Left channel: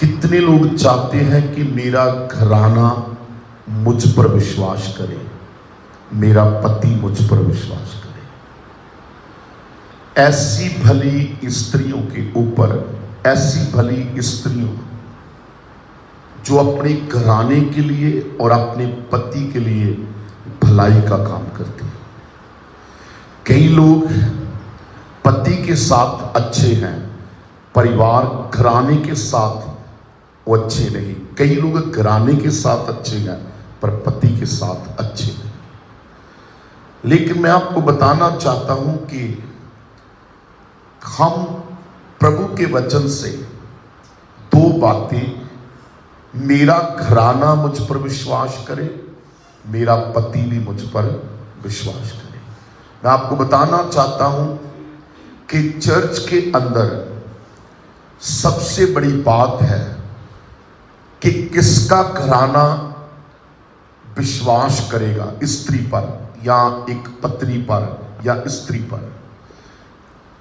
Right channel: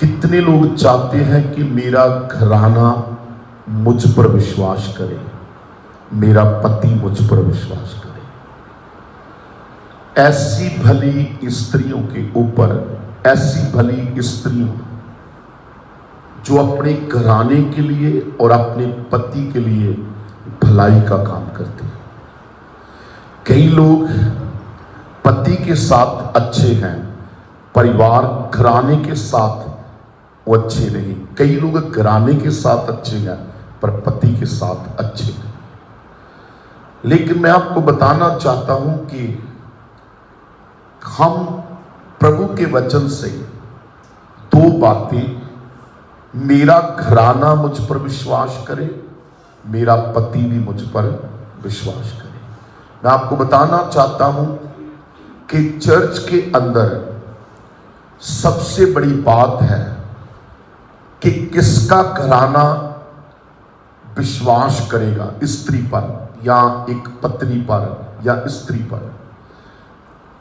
कितने लोग चाहते हैं कि मेरा घराना मुझ पर विश्वास करे, मेरा पति मुझ पर विश्वास करे। ऐसी भली स्त्रियों के ऊपर, ऐसी भली स्त्रियों जो अपने घराने के लिए और अपने पति के लिए भलाई का काम करते हैं। कई लोग पति के साथ अच्छे हैं, परिवार घराने के साथ वो अच्छे नहीं। कई लोग घराने के साथ अच्छे हैं पर पति के साथ अच्छे हैं। लेकिन मैं आपको बताना चाहता हूं कि हम प्रभु के वचन से दो बातें, मेरा घराना मुझ पर विश्वास करे, मेरा पति भी मुझ पर विश्वास करे। मैं आपको बताना चाहता हूं कि चर्च के अंदर सबसे बड़ी बात है कि किसका घराना विश्वास करेगा, स्त्री पर या एक पत्नी पर या स्त्री पर।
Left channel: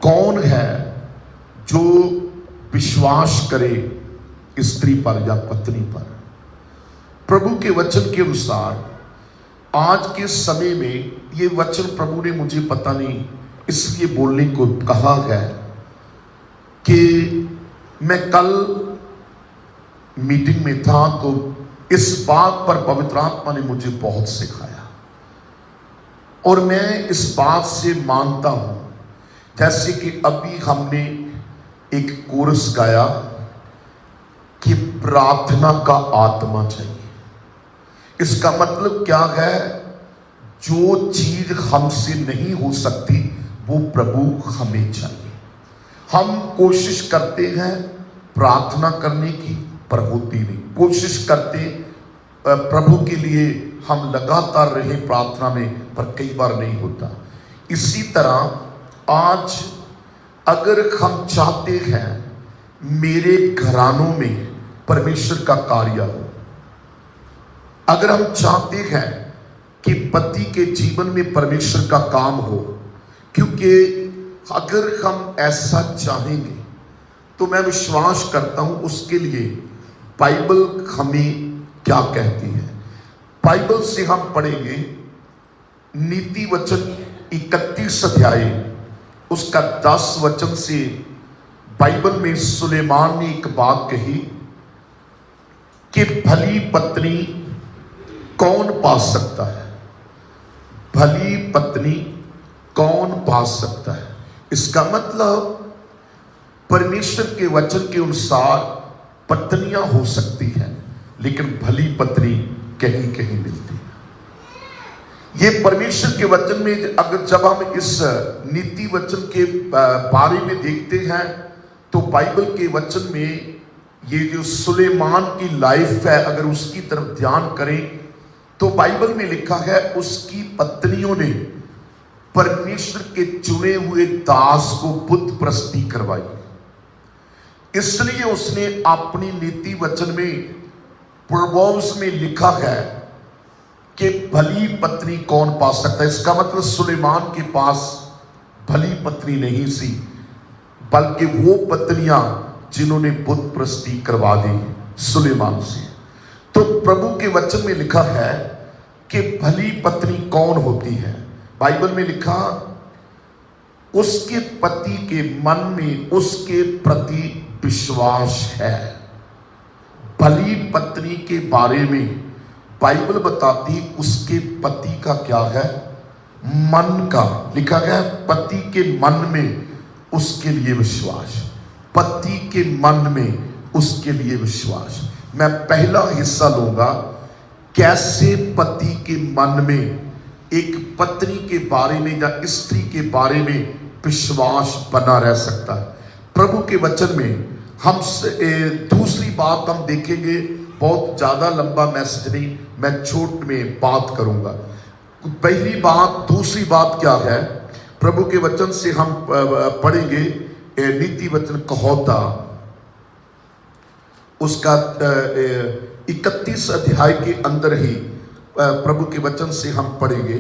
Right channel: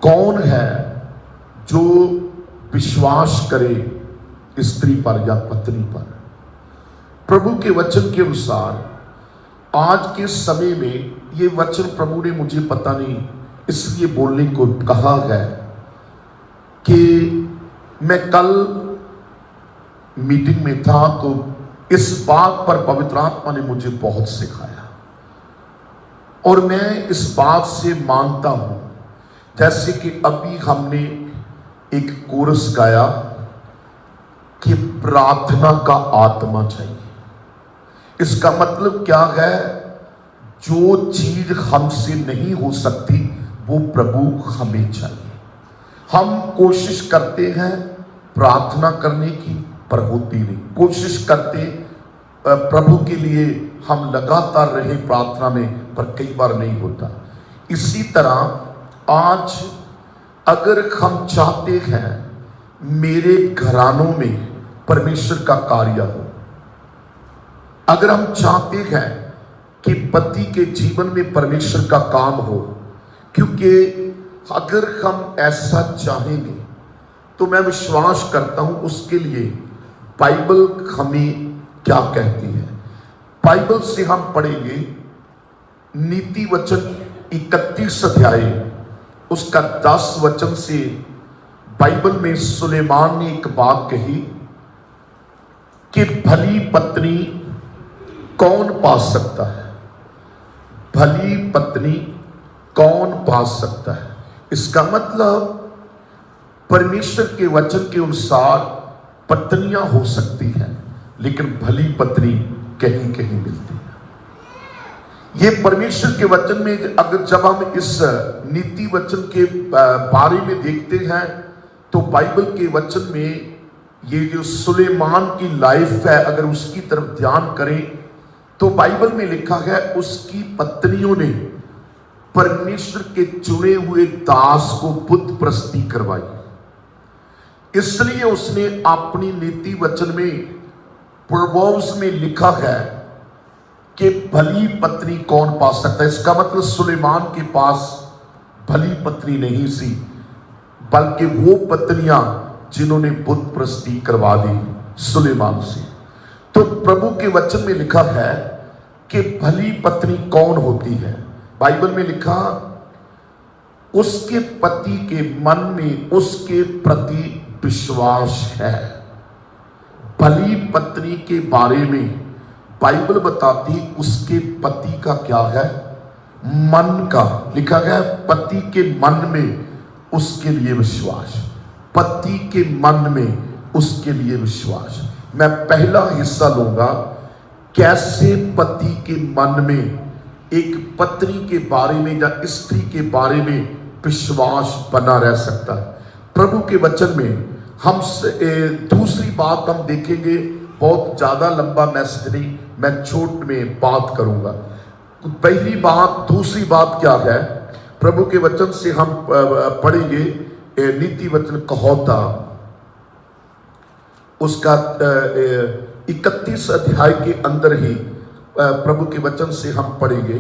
कौन है जो विश्वास करे स्त्री पर या पत्नी पर। प्रभु के वचन के अनुसार आज के समय में ये वचन प्रभु ने मुझे पता नहीं इसलिए बोलने को कहा है कि मैं कल मीटिंग में था तो इस बात पर पवित्र आत्मा ने मुझे बहुत सिखाया और मैं इस बात से मानता हूं। जैसे कि अभी हमने एक कोरस गाया कि प्रार्थना का आत्मा चाहिए। इसका मतलब क्या है? जो चीज हमसे नहीं हो सकती वो प्रभु हमें चाहिए। हम कोशिश करते हैं प्रार्थना करने की पर होती नहीं। कोशिश करते प्रभु के लिए हम लगातार रहे प्रार्थना में पर कई बार नहीं होता। इसी तरह आज अगर हम चाहते हैं मेरे घरानों में परमेश्वर का कार्य हो, अगर हम चाहते हैं कि पति के जीवन में परमेश्वर का काम हो, क्योंकि अगर हम ऐसा चाहेंगे तो मैं विश्वास करता हूं उसके लिए बाइबल हमें क्या कहती है। बाइबल से हम पढ़ेंगे नीति वचन 31 अध्याय उसका 10 वचन से। बाइबल में सुलेमान ने एक बात कही कि भली पत्नी कौन पा सकता है, भली पत्नी कौन पा सकता है। इसका मतलब परमेश्वर के वचन के अनुसार पत्नियां हो सकती हैं लेकिन भली पत्नी कहीं कहीं मिलती है। ये परमेश्वर के वचन में अगर जब हम इस नीति वचन के बारे में देखते हैं तो बाइबल के वचन में ये जो सुलेमान की लाइफ है अगर उसकी तरफ ध्यान करें तो बाइबल में लिखा है उसकी पत्नियों ने परमेश्वर के चुने हुए दास को बुत प्रस्ती करवाई। इसलिए उसने अपनी नीति वचन में प्रोवर्ब्स में लिखा है कि भली पत्नी कौन पा सकता है। इसका मतलब सुलेमान के पास भली पत्नी नहीं थी बल्कि वो पत्नियां जिन्होंने बुत प्रस्ती करवा दी सुलेमान से। तो प्रभु के वचन में लिखा है कि भली पत्नी कौन होती है। बाइबल में लिखा उसके पति के मन में उसके प्रति विश्वास है। भली पत्नी के बारे में बाइबल बताती उसके पति का क्या है, मन का। लिखा है पति के मन में उसके लिए विश्वास, पति के मन में उसके लिए विश्वास। मैं पहला हिस्सा लूंगा कैसे पति के मन में एक पत्नी के बारे में या स्त्री के बारे में विश्वास बना रह सकता है। प्रभु के वचन में हम दूसरी बात हम देखेंगे। बहुत ज्यादा लंबा मैसेज नहीं, मैं छोट में बात करूंगा। पहली बात, दूसरी बात क्या है प्रभु के वचन से हम पढ़ेंगे नीति वचन कहोता उसका 31 अध्याय के अंदर ही प्रभु के वचन से हम पढ़ेंगे।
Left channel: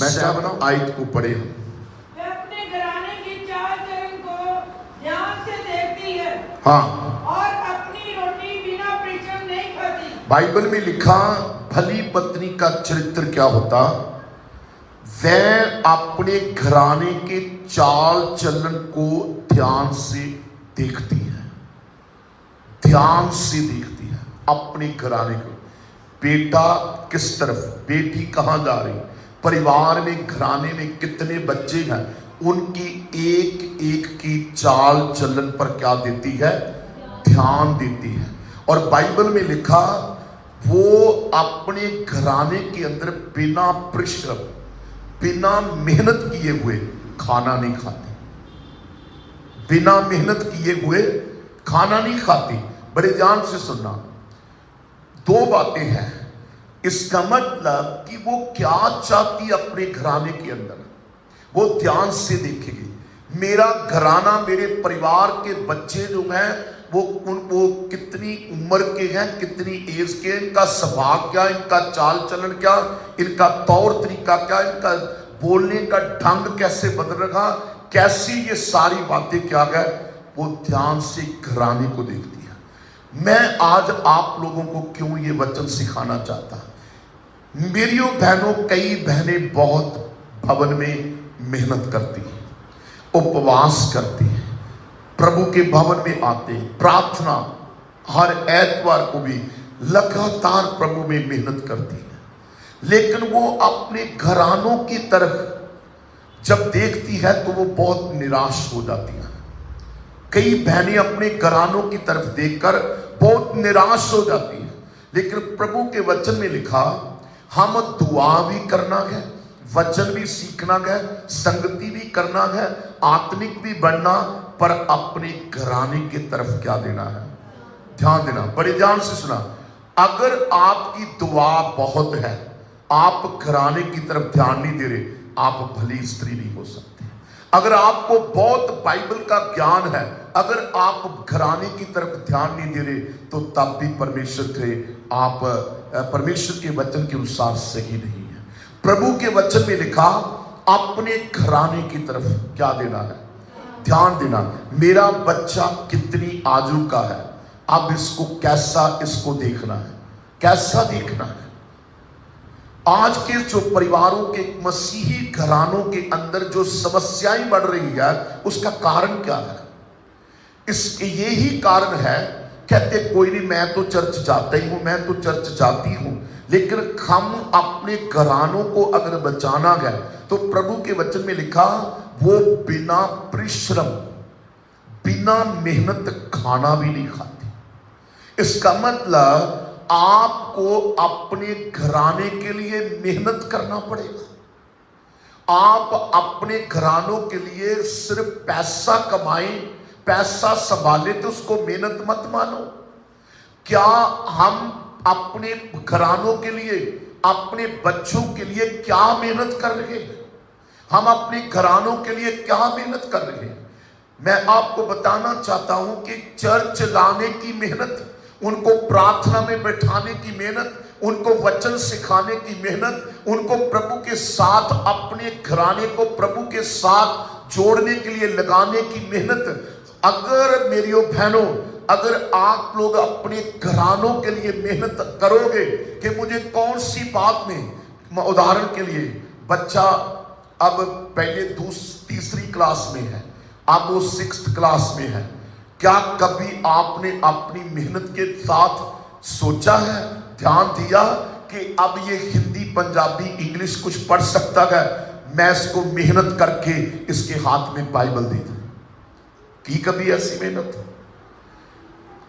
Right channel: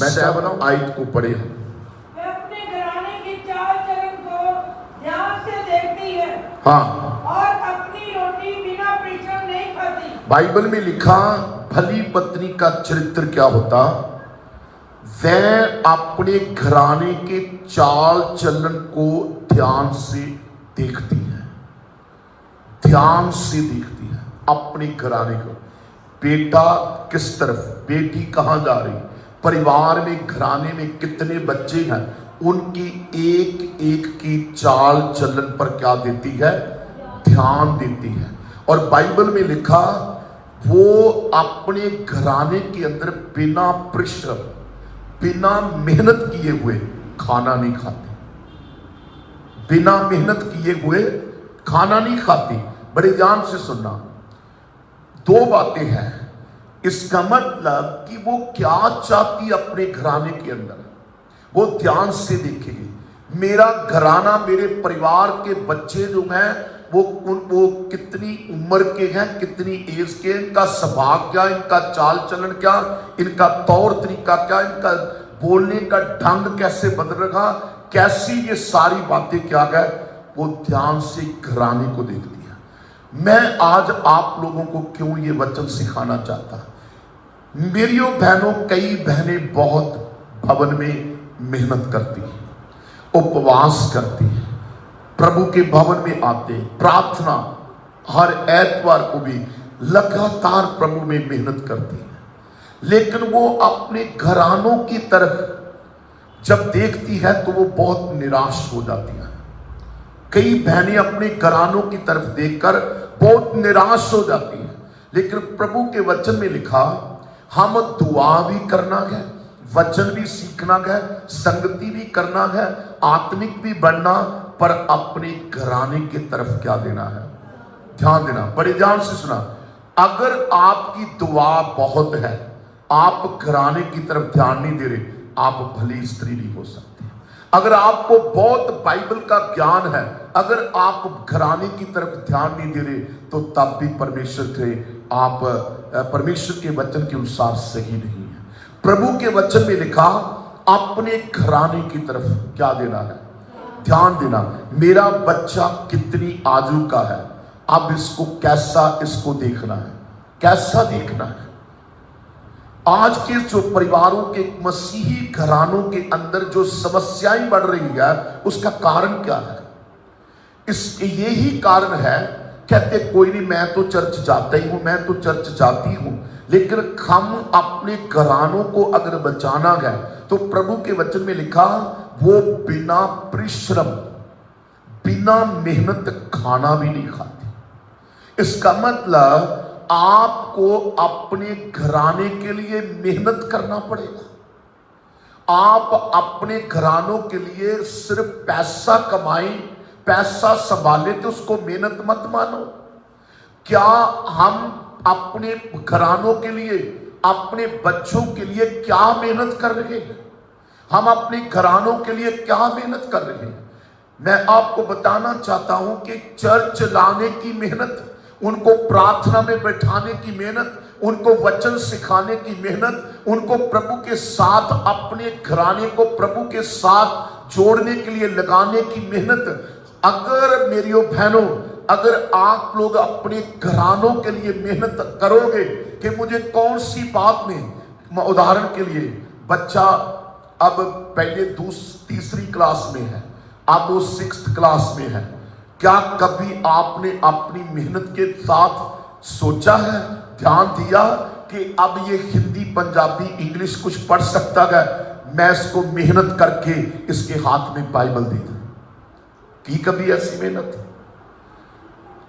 मैं चाहता हूं आयत को पढ़े। अपने घराने की चाल चलन को ध्यान से देखती है हाँ, और अपनी बाइबल में लिखा भली पत्नी का चरित्र क्या होता, वह अपने घराने के चाल चलन को ध्यान से देखती है, ध्यान से देखती है अपने घराने को। बेटा किस तरफ, बेटी कहां जा रही, परिवार में घराने में कितने बच्चे हैं, उनकी एक एक की चाल चलन पर क्या देती है, ध्यान देती है। और बाइबल में लिखा वो अपने घराने के अंदर बिना परिश्रम, बिना मेहनत किए हुए खाना नहीं खाती, बिना मेहनत किए हुए खाना नहीं खाती। बड़े ध्यान से सुनना, दो बातें हैं। इसका मतलब कि वो क्या चाहती अपने घराने के अंदर, वो ध्यान से देखेगी। मेरा घराना, मेरे परिवार के बच्चे जो हैं वो कितनी उम्र के हैं, कितनी एज के, इनका स्वभाव क्या, इनका चाल चलन क्या, इनका तौर तरीका क्या, इनका बोलने का ढंग कैसे बदल रहा, कैसी ये सारी बातें क्या है, वो ध्यान से घराने को देखती है। मैं आज आप लोगों को क्यों ये वचन सिखाना चाहता हूं। मेरियों बहनों, कई बहनें बहुत भवन में मेहनत करती हैं, उपवास करती हैं, प्रभु के भवन में आते, प्रार्थना हर एतवार को भी लगातार प्रभु में मेहनत करती है, लेकिन वो अपने घरानों की तरफ जब देखती है तो वो बहुत निराश हो जाती है। कई बहनें अपने घरानों की तरफ देखकर बहुत निराश हो जाती हैं, लेकिन प्रभु के वचन में लिखा हम दुआ भी करना है, वचन भी सीखना है, संगति भी करना है, आत्मिक भी बढ़ना, पर अपने घराने की तरफ क्या देना है, ध्यान देना। बड़े ध्यान से सुना, अगर आपकी दुआ बहुत है, आप घराने की तरफ ध्यान नहीं दे रहे, आप भली स्त्री भी हो सकते हैं। अगर आपको बहुत बाइबल का ज्ञान है, अगर आप घराने की तरफ ध्यान नहीं दे रहे, तो तब भी परमेश्वर के आप परमेश्वर के वचन के अनुसार सही नहीं है। प्रभु के वचन में लिखा अपने घराने की तरफ क्या देना है, ध्यान देना। मेरा बच्चा कितनी आयु का है, अब इसको कैसा इसको देखना है, कैसा देखना है। आज के जो परिवारों के मसीही घरानों के अंदर जो समस्याएं बढ़ रही है, उसका कारण क्या है? इसके यही कारण है, कहते कोई नहीं, मैं तो चर्च जाता ही हूं, मैं तो चर्च जाती हूं, लेकिन हम अपने घरानों को अगर बचाना है तो प्रभु के वचन में लिखा वो बिना परिश्रम, बिना मेहनत खाना भी नहीं खाती। इसका मतलब आपको अपने घराने के लिए मेहनत करना पड़ेगा। आप अपने घरानों के लिए सिर्फ पैसा कमाएं, पैसा संभाले तो उसको मेहनत मत मानो। क्या हम अपने घरानों के लिए, अपने बच्चों के लिए क्या मेहनत कर रहे हैं? हम अपने घरानों के लिए क्या मेहनत कर रहे हैं? मैं आपको बताना चाहता हूं कि चर्च लाने की मेहनत, उनको प्रार्थना में बैठाने की मेहनत, उनको वचन सिखाने की मेहनत, उनको प्रभु के साथ, अपने घराने को प्रभु के साथ जोड़ने के लिए लगाने की मेहनत, अगर मेरियो बहनों, अगर आप लोग अपने घरानों के लिए मेहनत करोगे कि मुझे कौन सी बात में, उदाहरण के लिए बच्चा अब पहले तीसरी क्लास में है, अब वो 6th क्लास में है, क्या कभी आपने अपनी मेहनत के साथ सोचा है, ध्यान दिया कि अब ये हिंदी, पंजाबी, इंग्लिश कुछ पढ़ सकता है, मैं इसको मेहनत करके इसके हाथ में बाइबल दे दूं? की कभी ऐसी मेहनत?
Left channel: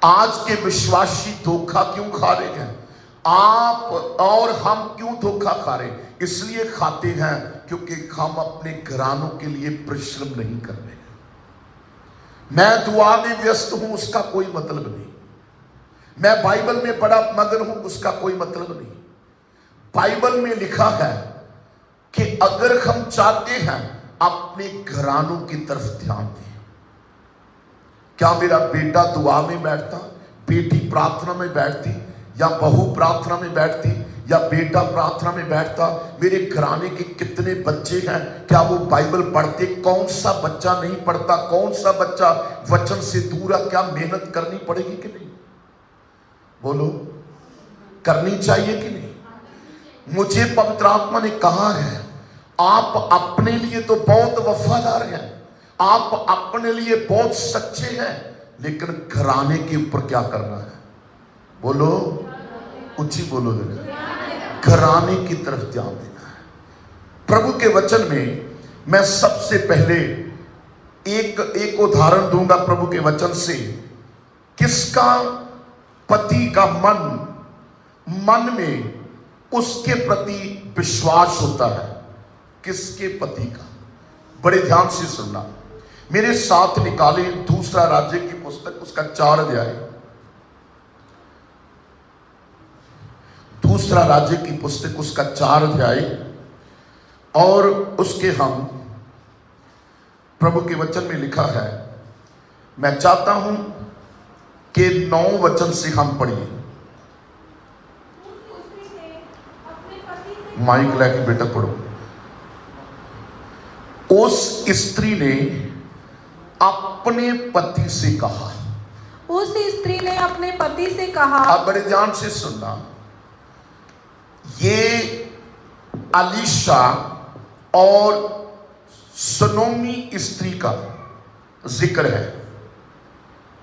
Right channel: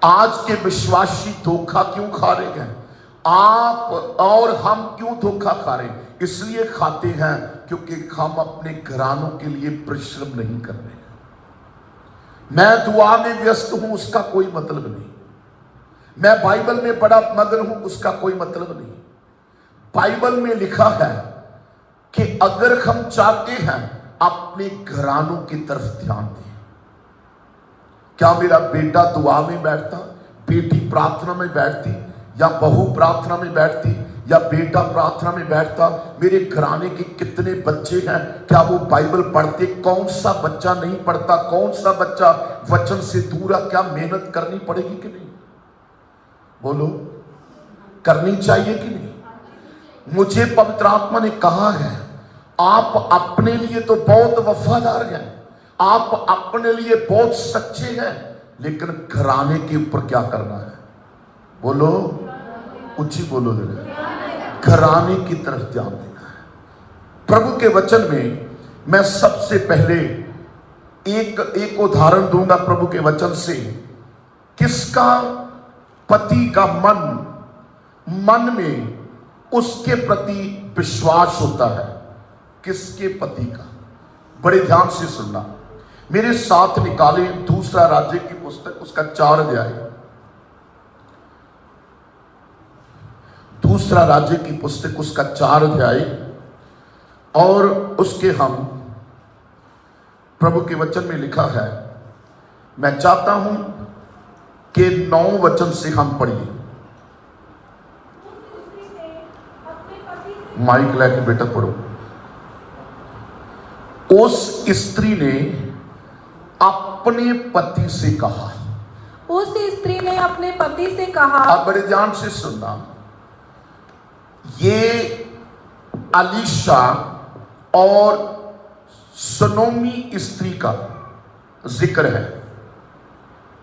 आज के विश्वासी धोखा क्यों खा रहे हैं? आप और हम क्यों धोखा खा रहे हैं? इसलिए खाते हैं क्योंकि हम अपने घरानों के लिए परिश्रम नहीं कर रहे। मैं दुआ में व्यस्त हूं, उसका कोई मतलब नहीं। मैं बाइबल में बड़ा मगन हूं, उसका कोई मतलब नहीं। बाइबल में लिखा है कि अगर हम चाहते हैं अपने घरानों की तरफ ध्यान दें, क्या मेरा बेटा दुआ में बैठता, बेटी प्रार्थना में बैठती, या बहू प्रार्थना में बैठती, या बेटा प्रार्थना में बैठता? मेरे घराने के कितने बच्चे हैं, क्या वो बाइबल पढ़ते? कौन सा बच्चा नहीं पढ़ता? कौन सा बच्चा वचन से दूर है? क्या मेहनत करनी पड़ेगी कि नहीं? बोलो। करनी चाहिए कि नहीं? मुझे पवित्र आत्मा ने कहा है, आप अपने लिए तो बहुत वफादार हैं, आप अपने लिए बहुत सच्चे हैं, लेकिन घराने के ऊपर क्या करना है? बोलो, ऊंची बोलो, घराने की तरफ ध्यान देना है। प्रभु के वचन में मैं सबसे पहले एक उदाहरण दूंगा प्रभु के वचन से। किसका पति का मन में उसके प्रति विश्वास होता है? किसके पति का? बड़े ध्यान से सुनना, मेरे साथ निकाले दूसरा राज्य की पुस्तक, उसका 4 अध्याय। दूसरा राज्य की पुस्तक, उसका 4 अध्याय, और उसके हम प्रभु के वचन में लिखा है। मैं चाहता हूं कि 9 वचन से हम पढ़िए। माइक लेके बेटा पढ़ो। उस स्त्री ने अपने पति से कहा, उस स्त्री ने अपने पति से कहा। अब बड़े ध्यान से सुनना, ये अलीशा और सुनोमी स्त्री का जिक्र है।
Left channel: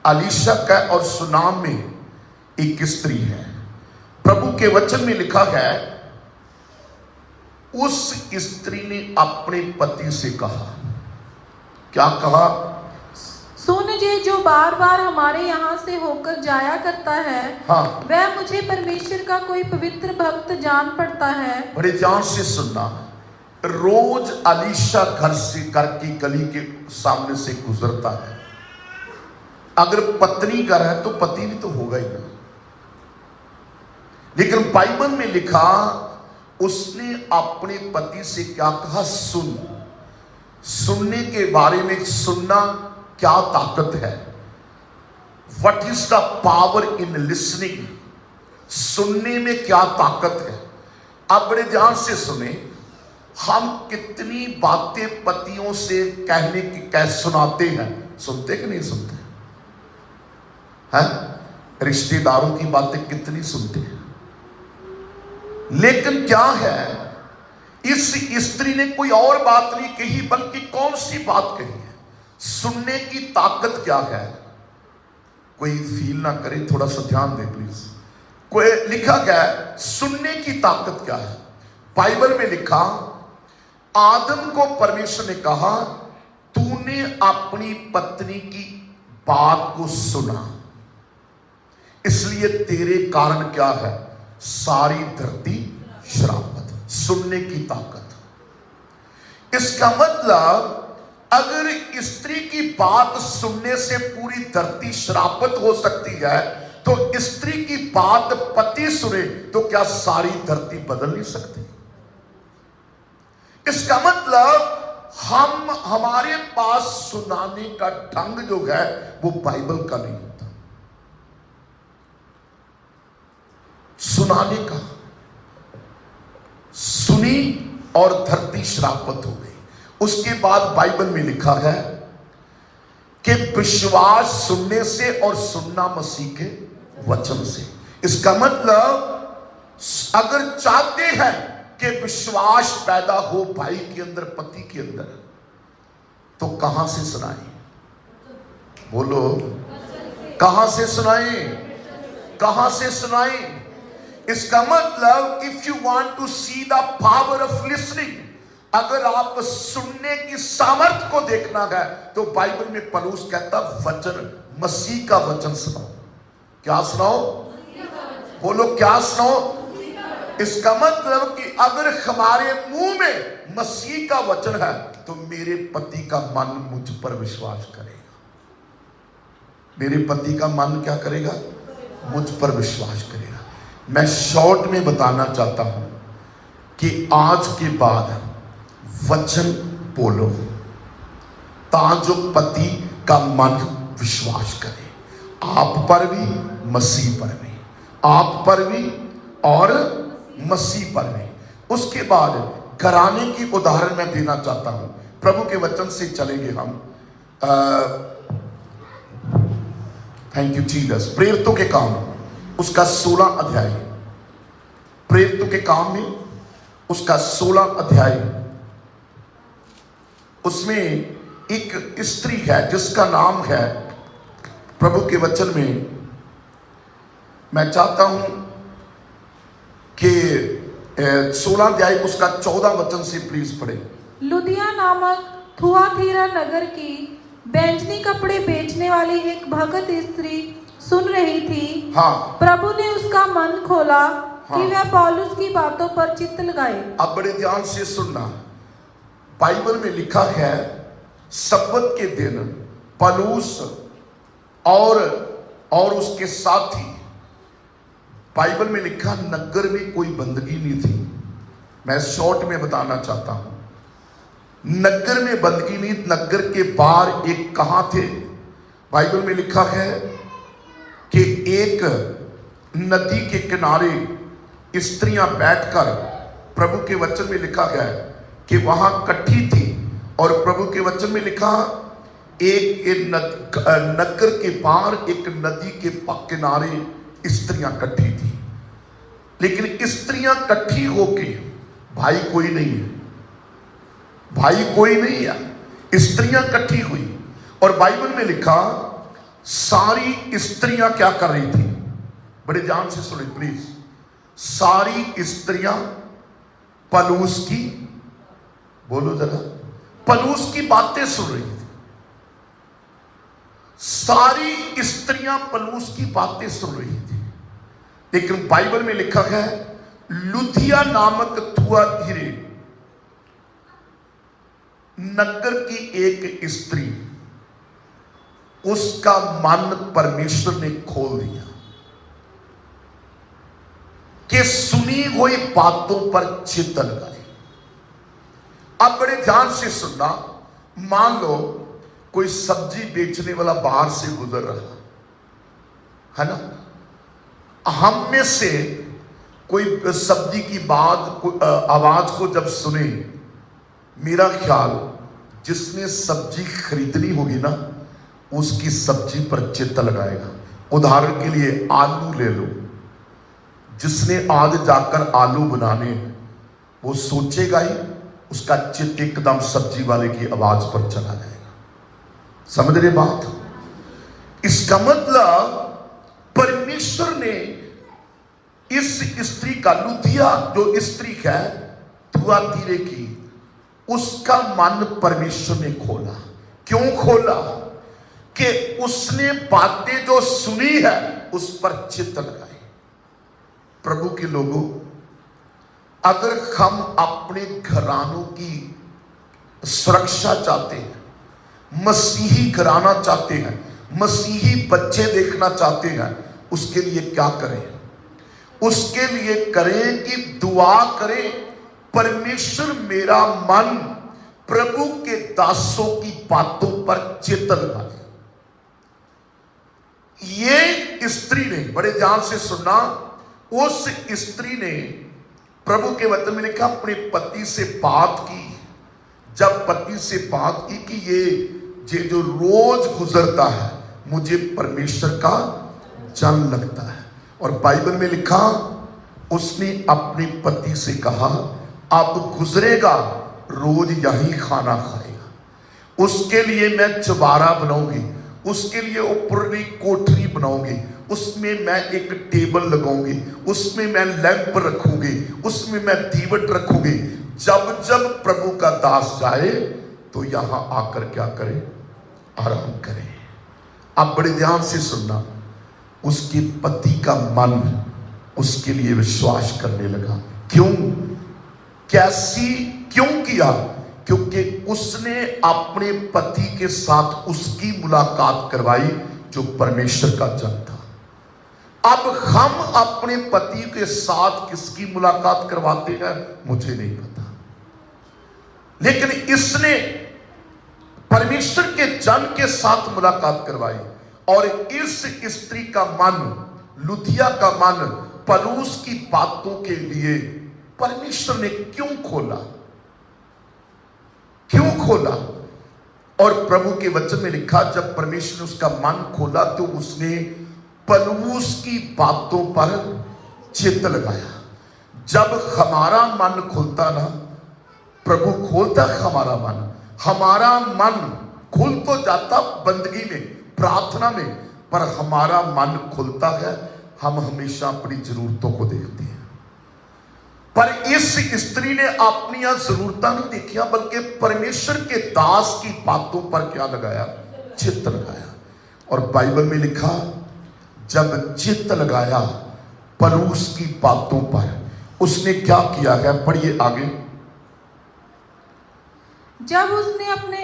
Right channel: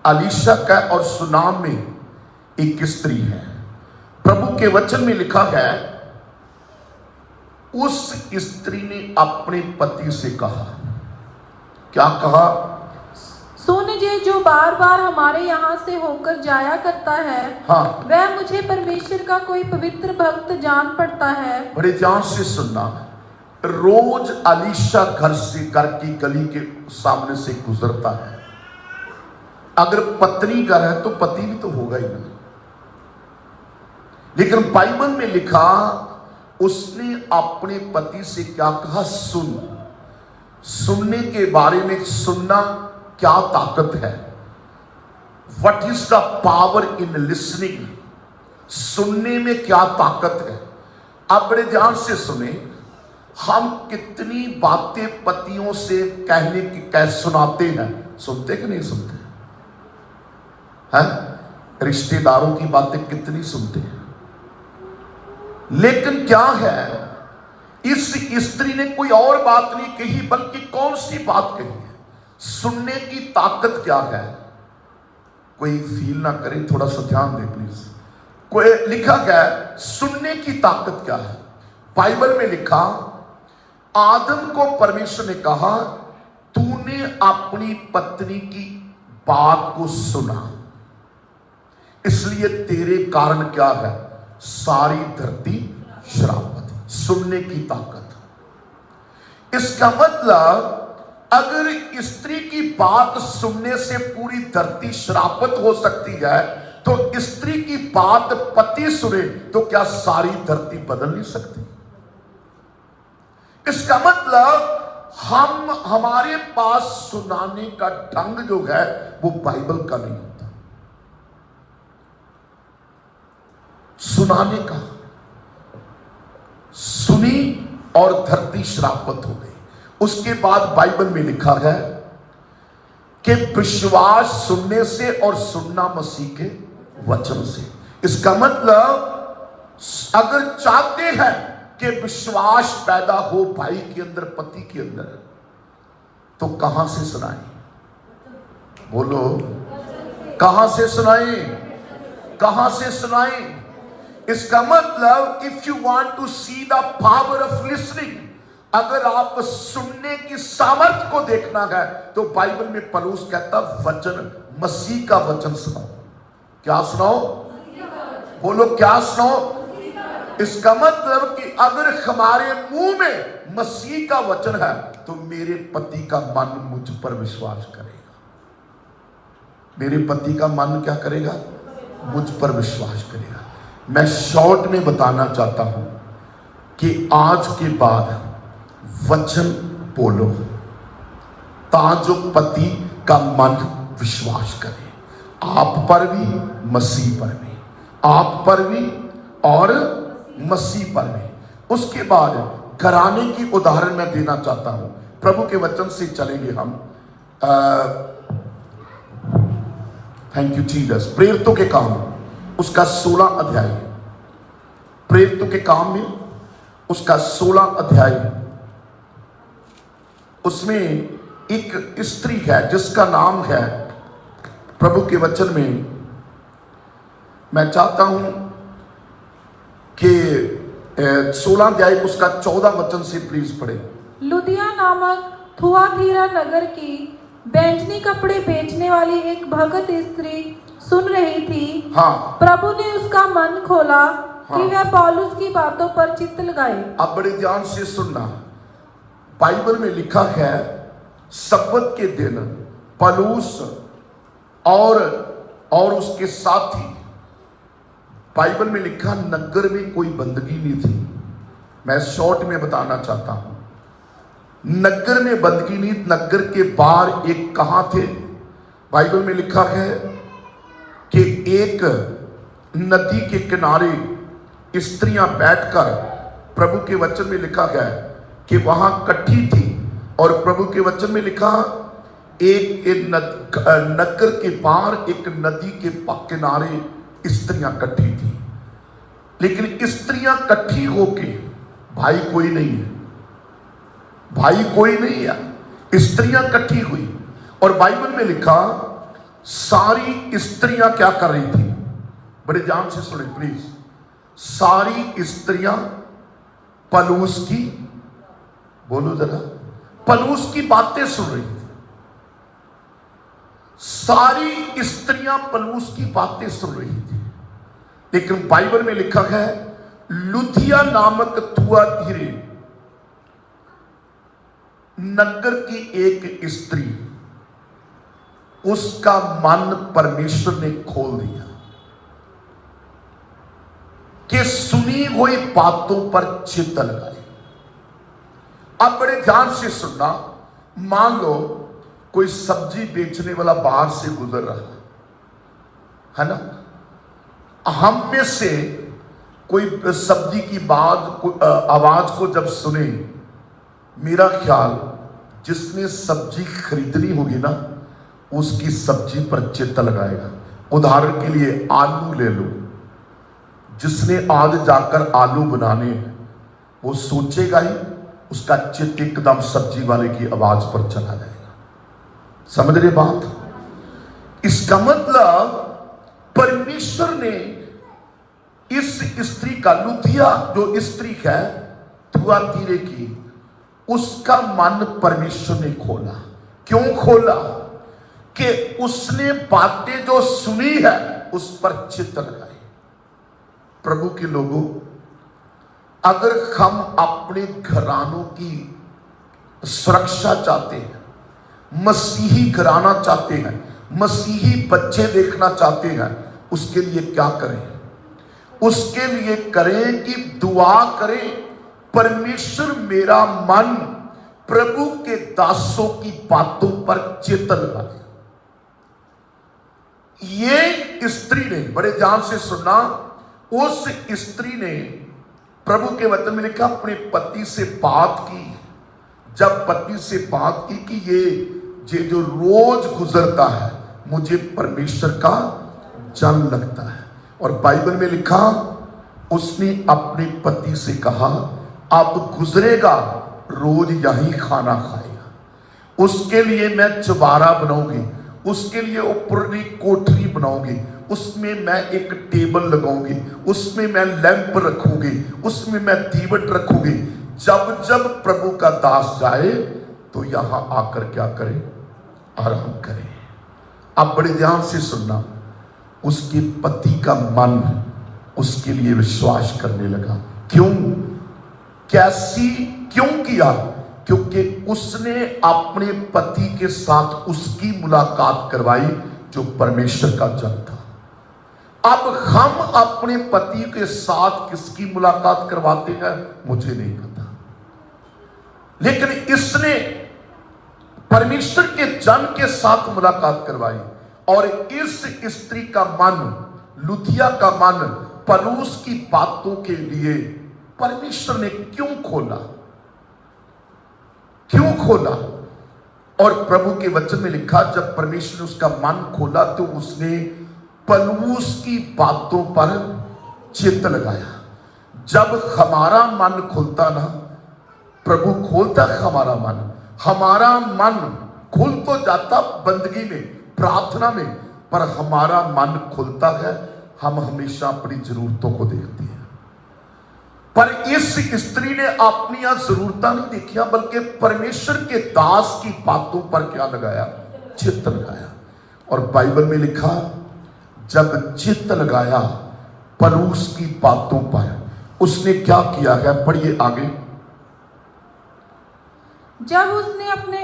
अलीशा का और सुनाम में एक स्त्री है। प्रभु के वचन में लिखा है, उस स्त्री ने अपने पति से कहा, क्या कहा? सुन जे, जो बार बार हमारे यहाँ से होकर जाया करता है, हाँ, वह मुझे परमेश्वर का कोई पवित्र भक्त जान पड़ता है। बड़े ध्यान से सुनना, रोज अलीशा घर की गली के सामने से गुजरता है। अगर पत्नी घर है तो पति भी तो होगा ही नहीं, लेकिन बाइबल में लिखा, उसने अपने पति से क्या कहा? सुनने के बारे में, सुनना क्या ताकत है? What is the power in listening? सुनने में क्या ताकत है? आप बड़े ध्यान से सुने। हम कितनी बातें पतियों से कहने की कह सुनाते हैं, सुनते कि नहीं सुनते हैं? रिश्तेदारों की बातें कितनी सुनते हैं, लेकिन क्या है, इस स्त्री ने कोई और बात नहीं कही, बल्कि कौन सी बात कही है? सुनने की ताकत क्या है? कोई फील ना करे, थोड़ा सा ध्यान दे प्लीज। कोई लिखा क्या है? सुनने की ताकत क्या है? बाइबल में लिखा, आदम को परमेश्वर ने कहा, तूने अपनी पत्नी की बात को सुना, इसलिए तेरे कारण क्या है? सारी धरती श्रापित। सुनने की ताकत। इसका मतलब, अगर स्त्री की बात सुनने से पूरी धरती श्रापित हो सकती है, तो स्त्री की बात पति सुने तो क्या सारी धरती बदल नहीं सकती? इसका मतलब, हमारे पास सुनाने का ढंग जो है वो बाइबल का नहीं होता। सुनाने का, सुनी और धरती श्रापित हो गई। उसके बाद बाइबल में लिखा है कि विश्वास सुनने से और सुनना मसीह के वचन से। इसका मतलब, अगर चाहते हैं कि विश्वास पैदा हो भाई के अंदर, पति के अंदर, तो कहां से सुनाएं? बोलो, कहां से सुनाएं? कहां से सुनाएं? इसका मतलब, if you want to see the power of listening, अगर आप सुनने की सामर्थ्य को देखना है, तो बाइबल में पौलुस कहता, वचन, मसीह का वचन सुनाओ। क्या सुनाओ? बोलो, क्या सुनाओ? इसका मतलब कि अगर हमारे मुंह में मसीह का वचन है, तो मेरे पति का मन मुझ पर विश्वास करेगा। मेरे पति का मन क्या करेगा? मुझ पर विश्वास करेगा। मैं शॉर्ट में बताना चाहता हूं कि आज के बाद वचन बोलो, ताजो पति का मन विश्वास करे, आप पर भी, मसीह पर भी, आप पर भी और मसीह पर भी। उसके बाद घराने की उदाहरण मैं देना चाहता हूं। प्रभु के वचन से चलेंगे हम। Thank you Jesus. प्रेरितों के काम उसका 16 अध्याय, प्रेरितों के काम में उसका 16 अध्याय, उसमें एक स्त्री है जिसका नाम है, प्रभु के वचन में मैं चाहता हूं कि 16 अध्याय उसका 14 वचन से प्लीज पढ़े। लुदिया नामक थुआतीरा नगर की बैंजनी कपड़े बेचने वाली एक भगत स्त्री सुन रही थी। हाँ, प्रभु ने उसका मन खोला हाँ। कि वह पौलुस की बातों पर चित्त लगाए। अब बड़े ध्यान से सुनना, बाइबल में लिखा है सब्बत के दिन पौलुस और उसके साथी, बाइबल में लिखा नगर में कोई बंदगी नहीं थी। मैं शॉर्ट में बताना चाहता हूं, नगर में बंदगी नहीं, नगर के बाहर एक कहां थे, बाइबल में लिखा है कि एक नदी के किनारे स्त्रियां बैठकर, प्रभु के वचन में लिखा गया कि वहां इकट्ठी थी, और प्रभु के वचन में लिखा एक नगर के बाहर एक नदी के किनारे स्त्रियां इकट्ठी थी। लेकिन स्त्रियां इकट्ठी होके, भाई कोई नहीं है, भाई कोई नहीं है, स्त्रियां इकट्ठी हुई, और बाइबल में लिखा सारी स्त्रियां क्या कर रही थी, बड़े ध्यान से सुने प्लीज, सारी स्त्रियां पौलुस की, बोलो जरा, पौलुस की बातें सुन रही थी। सारी स्त्रियां पौलुस की बातें सुन रही थी। लेकिन बाइबल में लिखा है लुदिया नामक थुआतीरा नगर की एक स्त्री, उसका मन परमेश्वर ने खोल दिया कि सुनी हुई बातों पर चित्त लगाए। अब बड़े ध्यान से सुनना, मान लो कोई सब्जी बेचने वाला बाहर से गुजर रहा है ना, हम में से कोई सब्जी की बात आवाज को जब सुने, मेरा ख्याल जिसने सब्जी खरीदनी होगी ना, उसकी सब्जी पर चित्त लगाएगा। उदाहरण के लिए आलू ले लो, जिसने आज जाकर आलू बनाने, वो सोचेगा ही, उसका चित्त एकदम सब्जी वाले की आवाज पर चला जाएगा। समझ रहे बात? इसका मतलब परमेश्वर ने इस स्त्री का, लुदिया जो स्त्री है थुआतीरा की, उसका मन परमेश्वर ने खोला। क्यों खोला? कि उसने बातें जो सुनी है उस पर चित्त लगाए। प्रभु के लोगों, अगर हम अपने घरानों की सुरक्षा चाहते हैं, मसीही घराना चाहते हैं, मसीही बच्चे देखना चाहते हैं, उसके लिए क्या करें? उसके लिए करें कि दुआ करें, परमेश्वर मेरा मन प्रभु के दासों की बातों पर चित्त लगाए। ये स्त्री ने, बड़े ध्यान से सुनना, उस स्त्री ने प्रभु के वचन में लिखा अपने पति से बात की। जब पति से बात की कि ये जो रोज गुजरता है, मुझे परमेश्वर का जन लगता है, और बाइबल में लिखा उसने अपने पति से कहा अब गुजरेगा, रोज यही खाना खाएगा, उसके लिए मैं चबारा बनाऊंगी, उसके लिए ऊपरी कोठरी बनाऊंगी, उसमें मैं एक टेबल लगाऊंगी, उसमें मैं लैंप रखूंगी, उसमें मैं दीवट रखूंगी। जब जब प्रभु का दास जाए तो यहां आकर क्या करे? आराम करे। अब बड़े ध्यान से सुनना, उसके पति का मन उसके लिए विश्वास करने लगा। क्यों? कैसी? क्यों किया? क्योंकि उसने अपने पति के साथ उसकी मुलाकात करवाई जो परमेश्वर का जन था। अब हम अपने पति के साथ किसकी मुलाकात करवाते हैं मुझे नहीं पता, लेकिन इसने परमेश्वर के जन के साथ मुलाकात करवाई, और इस स्त्री का मन, लुदिया का मन पौलुस की बातों के लिए परमेश्वर ने क्यों खोला? क्यों खोला? और प्रभु के वचन में लिखा जब परमेश्वर ने उसका मन खोला तो उसने पौलुस की बातों पर चित्त लगाया। जब हमारा मन खुलता ना, प्रभु खोलता हमारा मन खुल तो जाता बंदगी में, प्रार्थना में, पर हमारा मन खुलता है, हम हमेशा अपनी जरूरतों को देखते हैं। पर इस स्त्री ने अपनी जरूरतां नहीं देखिया, बल्कि परमेश्वर के दास की बातों पर क्या लगाया? चित्त लगाया। और बाइबल में लिखा, जब चित्त लगाया परूस की बातों पर, उसने क्या किया है? पढ़िए आगे। जब उसने अपने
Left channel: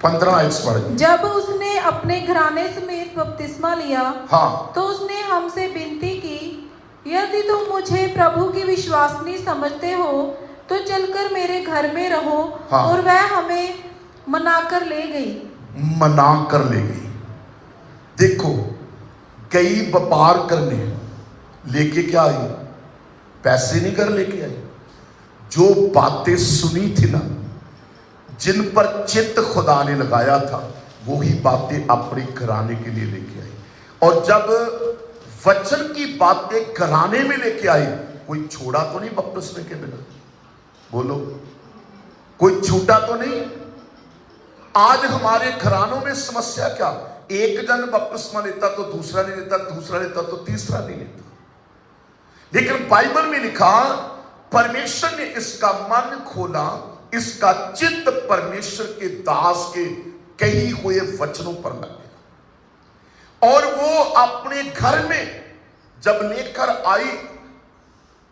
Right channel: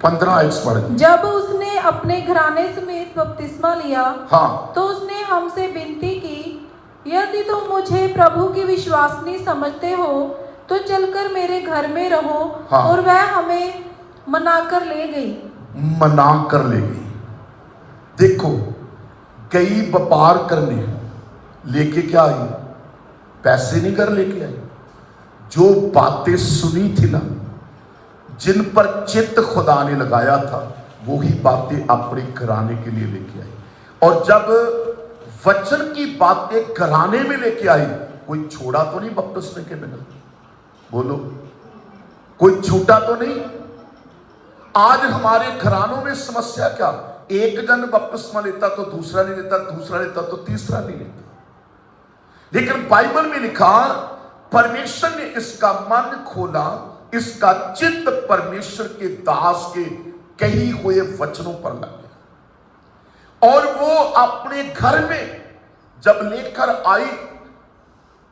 15 आयत पढ़े। जब उसने अपने घराने समेत बपतिस्मा लिया, हाँ, तो उसने हमसे विनती की, यदि तुम मुझे प्रभु की विश्वासनी समझते हो तो चलकर मेरे घर में रहो। हाँ। और वह हमें मनाकर ले गई। मना कर ले गई। देखो, कई व्यापार करने लेके क्या आई? पैसे नहीं कर लेके आई। जो बातें सुनी थी ना, जिन पर चित्त खुदा ने लगाया था, वो ही बातें अपने घराने के लिए लेके आई। और जब वचन की बातें घराने में लेके आई, कोई छोड़ा तो नहीं बपतिस्मे के बिना? बोलो, कोई छूटा तो नहीं? आज हमारे घरानों में समस्या क्या? एक जन बपतिस्मा लेता तो दूसरा नहीं लेता, दूसरा लेता तो तीसरा नहीं लेता। लेकिन बाइबल में लिखा, परमेश्वर ने इसका मन खोला, इसका चित्त परमेश्वर के दास के कही हुए वचनों पर लगे, और वो अपने घर में जब लेकर आई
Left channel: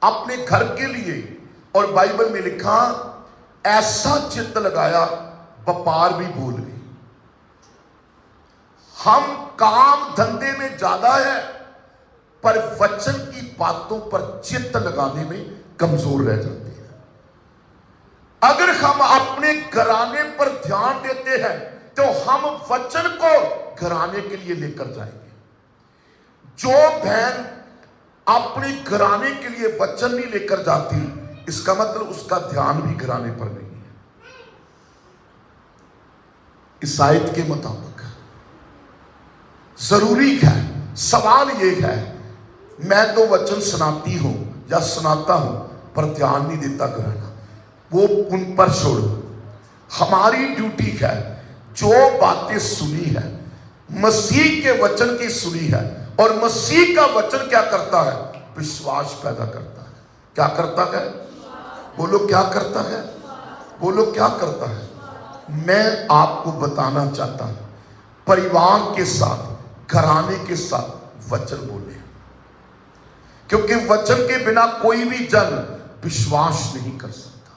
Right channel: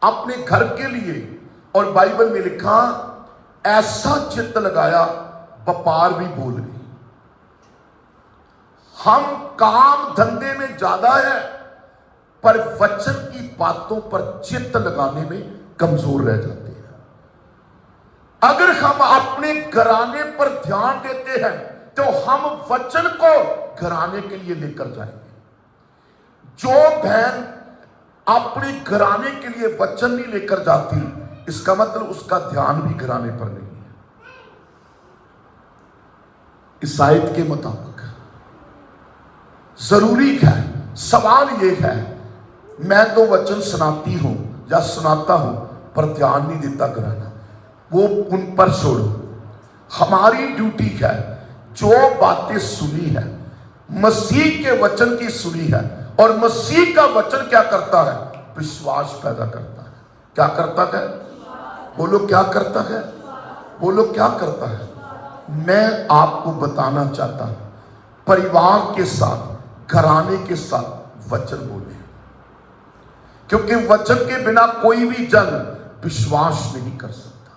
अपने घर के लिए, और बाइबल में लिखा ऐसा चित्त लगाया, व्यापार भी भूल गई। हम काम धंधे में ज्यादा है, पर वचन की बातों पर चित्त लगाने में कमजोर रह जाते हैं। अगर हम अपने घराने पर ध्यान देते हैं, तो हम वचन को घराने के लिए लेकर जाएंगे। जो बहन अपने घराने के लिए वचन नहीं लेकर जाती, इसका मतलब उसका ध्यान भी घराने पर नहीं है। इस आयत के मुताबिक जरूरी है, सवाल यह है, मैं तो वचन सुनाती हूं या सुनाता हूं, पर ध्यान नहीं देता घराना, वो उन पर छोड़ो। हमारी ड्यूटी है, जो बातें सुनी है, मसीह के वचन की सुनी है, और मसीह का वचन क्या करता है? विश्वास पैदा करता है। क्या करता है? बोलो, क्या करता है? बोलो, क्या करता है? मैं आपको बताना चाहता हूं, परिवार के साथ, घराने के साथ वचन बोले, क्योंकि वचन के बिना कोई भी जन विश्वास नहीं कर सकता।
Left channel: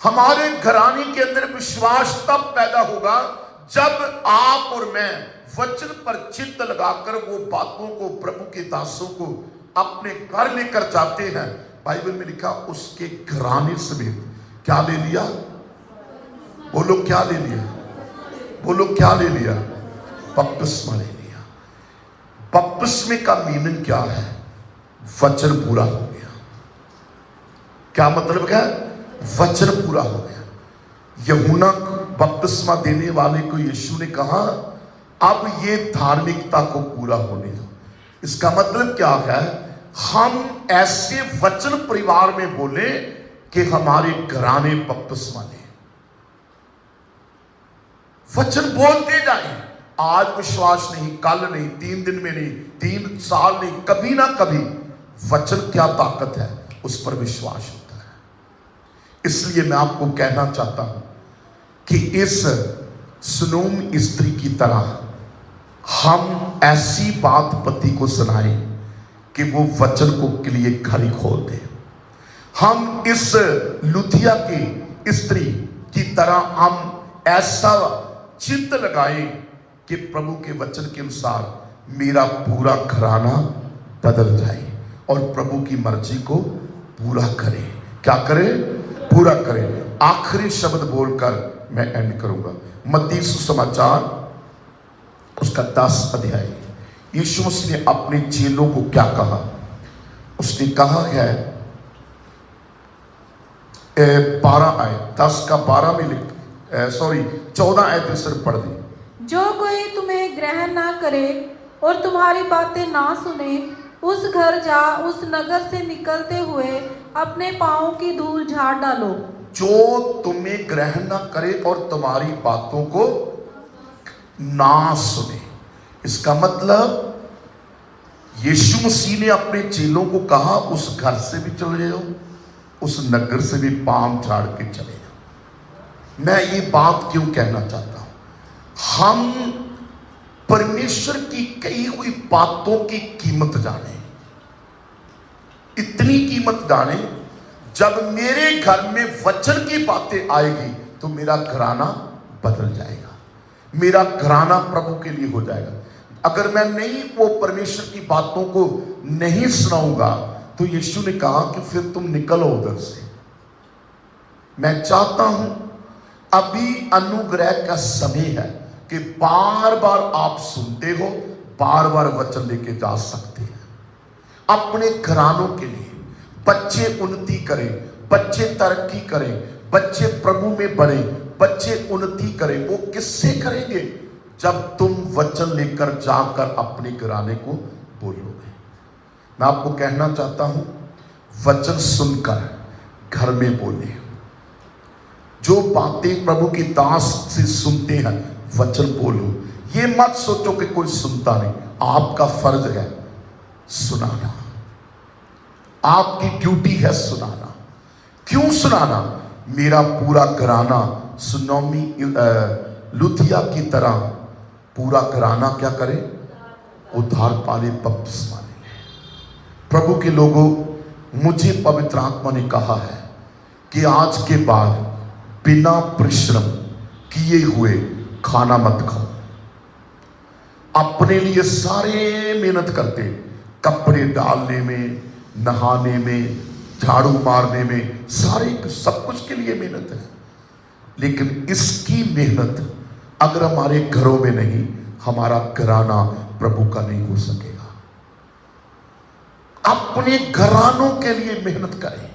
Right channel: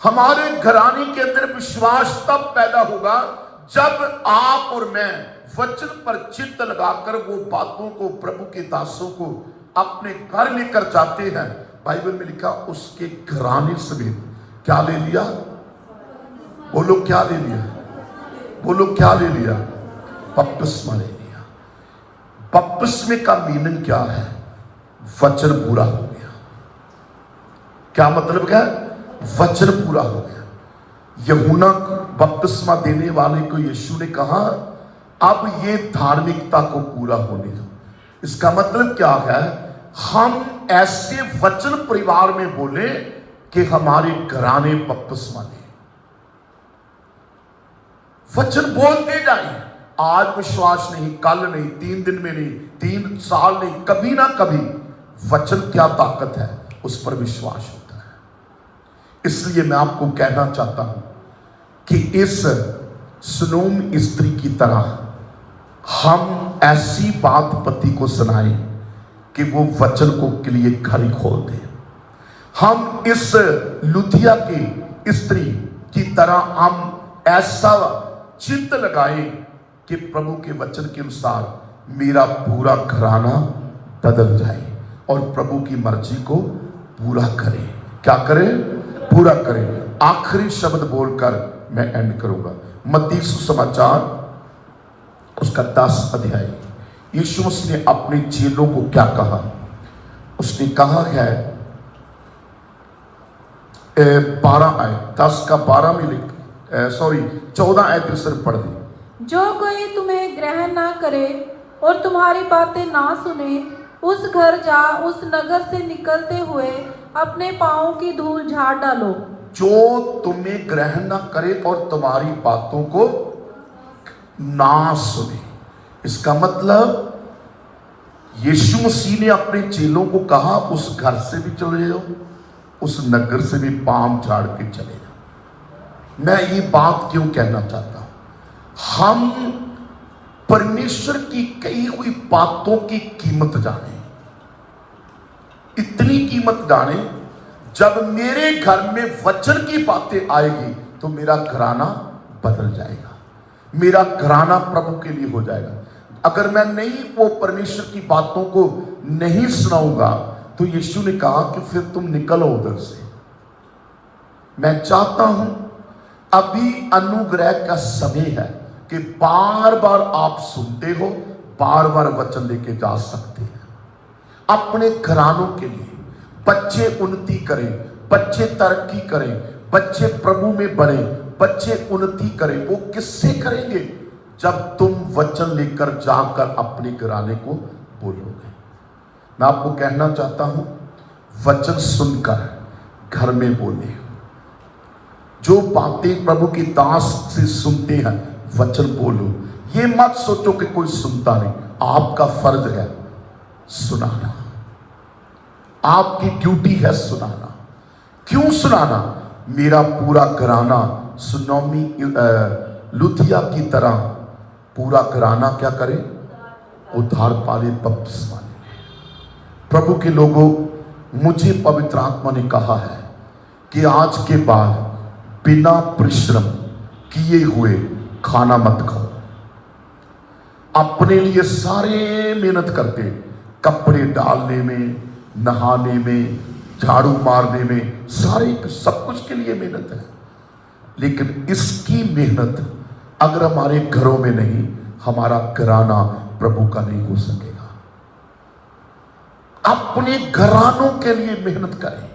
हमारे घराने के अंदर विश्वास तब पैदा होगा जब आप और मैं वचन पर चित्त लगाकर वो बातों को, प्रभु के दासों को अपने घर लेकर जाते हैं। बाइबल में लिखा, उसके घराने समेत क्या ले लिया? बोलो, क्या ले लिया? बोलो, क्या ले लिया? बपतिस्मा ले लिया। बपतिस्मे का मीनिंग क्या है? वचन पूरा हो गया। क्या मतलब है? वचन पूरा हो गया। यूहन्ना बपतिस्मा देने वाले को यीशु ने कहा, अब ये धार्मिकता को पूरा होने दो। इसका मतलब क्या है? हम ऐसे वचन परिवार में बोले कि हमारे घराने बपतिस्मा ले। वचन बोलते जाए। आज विश्वास नहीं, कल नहीं, 3 दिन में नहीं, 3 साल नहीं, कभी ना कभी वचन क्या ताकत है, उस पर विश्वास होता है। इसलिए मैं आपको कहना चाहता हूं कि इस सुनूम स्त्री की तरह हम ऐसी बात पति को सुनाएं कि वो वचन को के लिए खड़ी खोल दे। हम इस लुथिया की स्त्री की तरह हम ऐसा चिंत लगाएं कि प्रभु के वचन के अनुसार मेरा पूरा घराना बदल जाए और प्रभु की मर्जी को पूरा करे। क्या करे? पूरा करे। आखिरी शब्द बोलकर मैं एंड करूंगा। मत्ती सुसमाचार उसका 10 अध्याय। यीशु मसीह ने अपने चेलों को क्या कहा? उसने कहा है 12 आयत 10 का 12 में लिख 14 आयत से पढ़ दी। जो कोई तुम्हें ग्रहण ना करे और तुम्हारी बातें ना सुने, उस घर जा उस नगर से निकलते हुए अपने पाँवों की धूल झाड़ डालो। जो तुम्हें ग्रहण न करे और तुम्हारी बातों को ना सुने। इसका मतलब यीशु मसीह ने अपने चेलों को कहा उस घर से भी चले जाओ, उस नगर से भी पांव झाड़ के चले जाओ। मैं ये बात क्यों कहना चाहता हूं, हम परमेश्वर की कही हुई बातों की कीमत जाने, इतनी कीमत जाने, जब मेरे घर में वचन की बातें आएगी तो मेरा घराना बदल जाएगा, मेरा घराना प्रभु के लिए हो जाएगा। अगर मैं नहीं वो परमेश्वर की बातों को नहीं सुनाऊंगा तो यीशु ने कहा कि फिर तुम निकलो उधर से। मैं चाहता हूं अभी अनुग्रह का समय है कि बार बार आप सुनते हो, बार बार वचन लेके जा सकते हैं अपने घरानों के लिए। बच्चे उन्नति करें, बच्चे तरक्की करें, बच्चे प्रभु में बढ़े, बच्चे उन्नति करें। वो किससे करेंगे? जब तुम वचन लेकर जाकर अपने घराने को बोलोगे। मैं आपको कहना चाहता हूं, वचन सुनकर घर में बोले। जो बातें प्रभु की दास से सुनते हैं वचन बोलो। ये मत सोचो कि कोई सुनता नहीं, आपका फर्ज है सुनाना, आपकी ड्यूटी है सुनाना। क्यों सुनाना? मेरा पूरा घराना सुनोमी लुथिया की तरह पूरा घराना क्या करे? उद्धार पाने, बपतिस्मा ले। प्रभु के लोगों, मुझे पवित्र आत्मा ने कहा है कि आज के बाद बिना परिश्रम किए हुए खाना मत खाओ। अपने लिए सारे मेहनत करते, कपड़े डालने में, नहाने में, झाड़ू मारने में, सारे सब कुछ के लिए मेहनत है, लेकिन इसकी मेहनत अगर हमारे घरों में नहीं, हमारा घराना प्रभु का नहीं हो सकेगा। अपने घरानों के लिए मेहनत करें,